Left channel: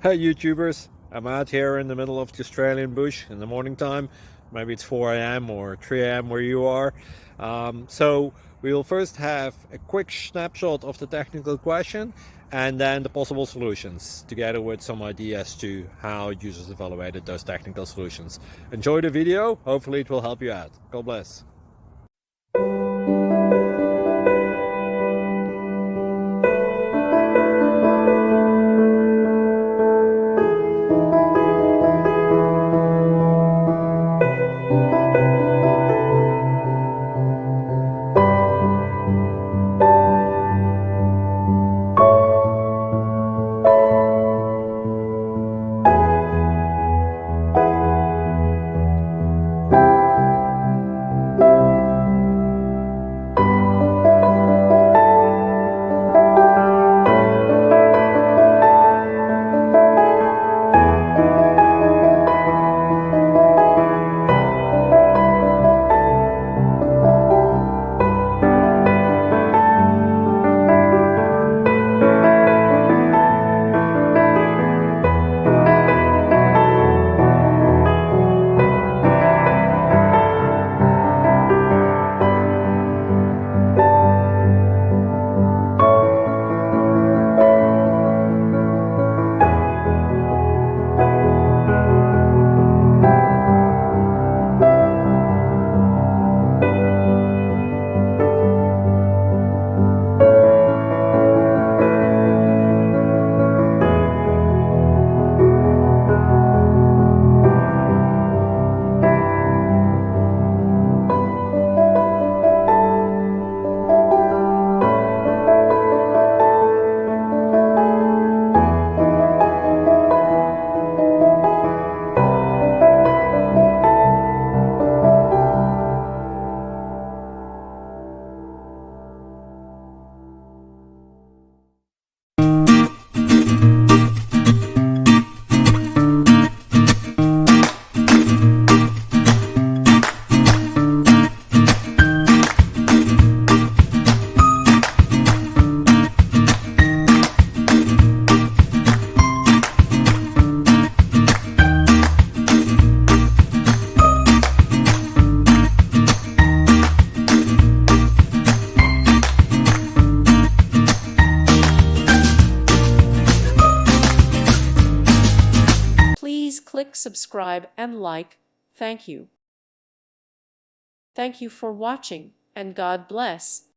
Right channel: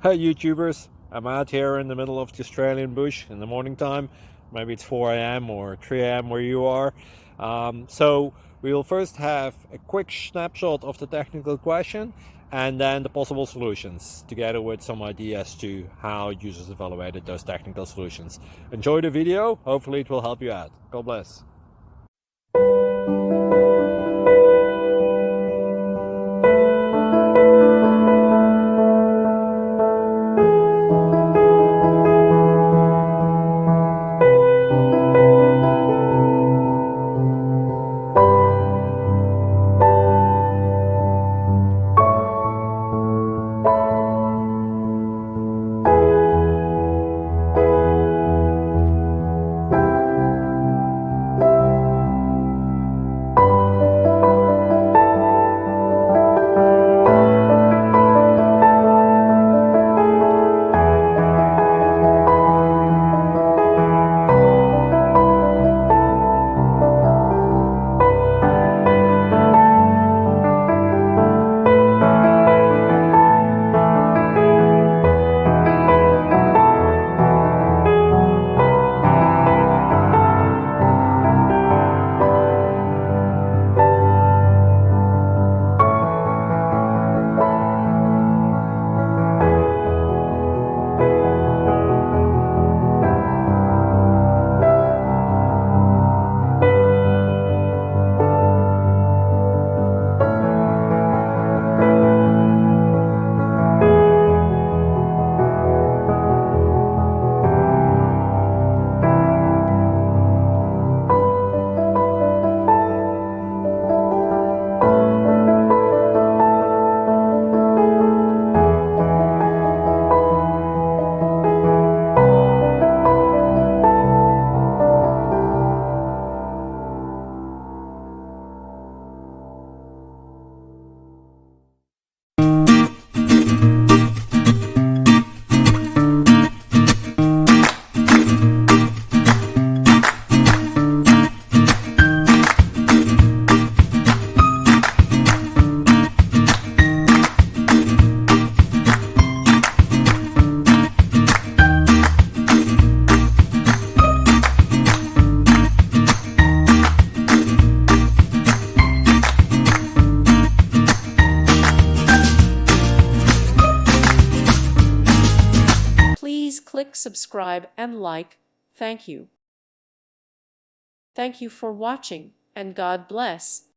Hey YouTubers, I'm out here in the middle of the Australian bush in the morning time. Maybe it's 4 a.m. or 3 a.m. where you are. So we will first have a quick snapshot of the technical question and then the possible solutions, together with some ideas to how users evaluated those technical solutions. Enjoy the video, hopefully it will help you out. God bless. Please click subscribe and like. Thank you. Thank you for watching, and God bless.